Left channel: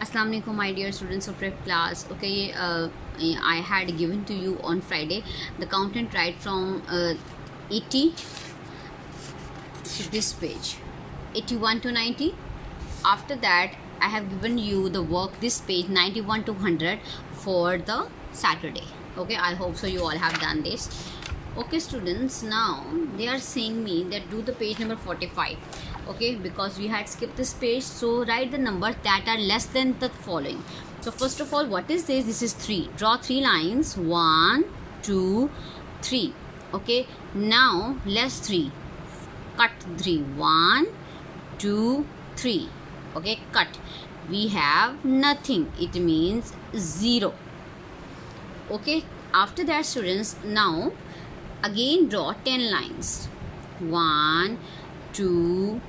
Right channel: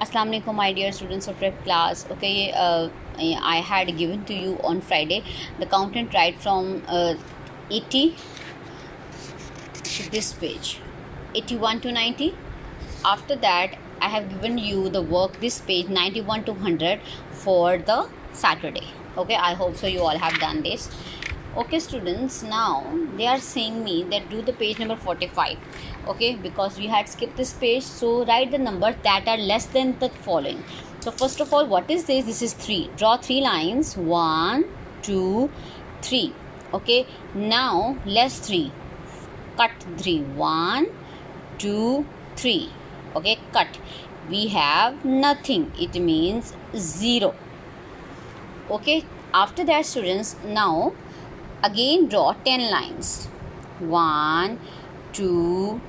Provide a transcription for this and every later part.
Assalamu alaikum, my dear students of prep class. Okay, I had given to you on Friday the count and write from 80 to this page, 81 to 90. After that, I have given you the work this page 91 to 100 for the Saturday. Okay, I hope so you all have done this. Okay students, now they are saying me that do the page number 45. Okay, because we had skipped this page, so write the numbers that are less than the following. So first of all, what is this? This is 3. Draw 3 lines, 1 2 3. Okay, now less 3, cut 3, 1 2 3. Okay, cut. We have nothing, it means 0. Okay, after that students, now again draw 10 lines, 1 2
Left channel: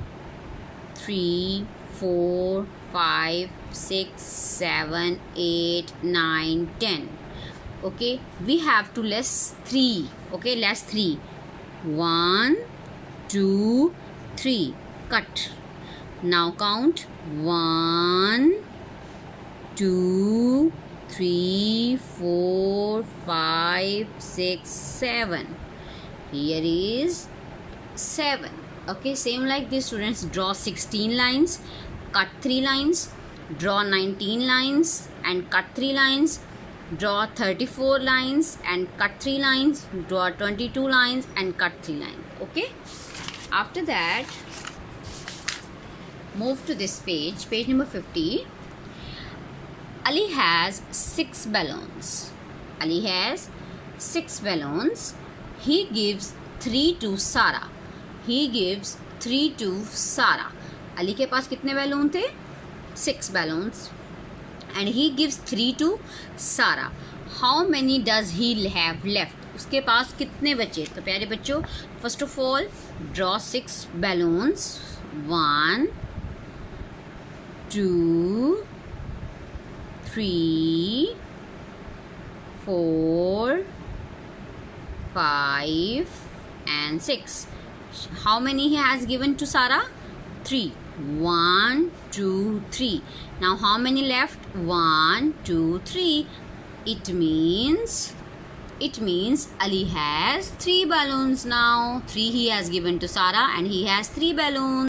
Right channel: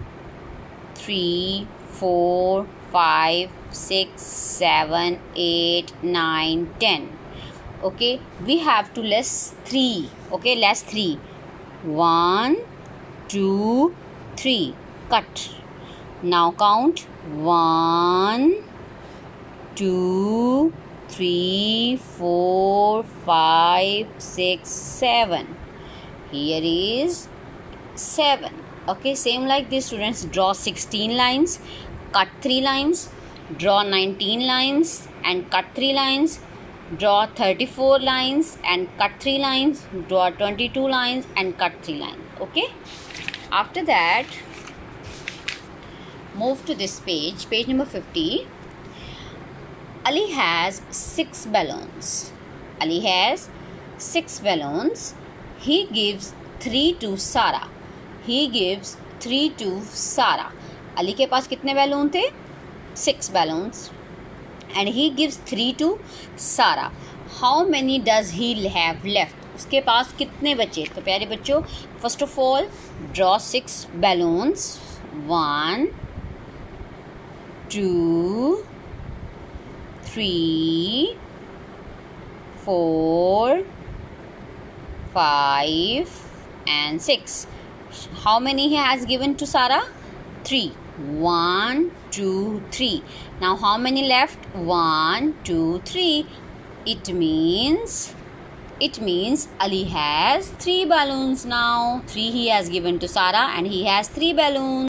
3 4 5 6 7 8 9 10. Okay, we have to less 3. Okay, less 3, 1 2 3, cut. Now count 1 2 3 4 5 6 7. Here is 7. Okay, same like this students, draw 16 lines, cut 3 lines, draw 19 lines and cut 3 lines, draw 34 lines and cut 3 lines, draw 22 lines and cut 3 lines. Okay, after that move to this page, page number 50. Ali has 6 balloons. Ali has 6 balloons. He gives 3 to Sara. He gives 3 to Sara. Ali के पास कितने balloon थे? 6 balloons. And he gives 3 to Sara. How many does he have left? उसके पास कितने बचे? तो प्यारे बच्चों, first of all draw 6 balloons. 1 2 3 4 5 and 6. How many he has given to Sara? 3. 1 2 3. Now how many left? 1 2 3. It means Ali has 3 balloons now. 3 he has given to Sara and he has 3 balloons.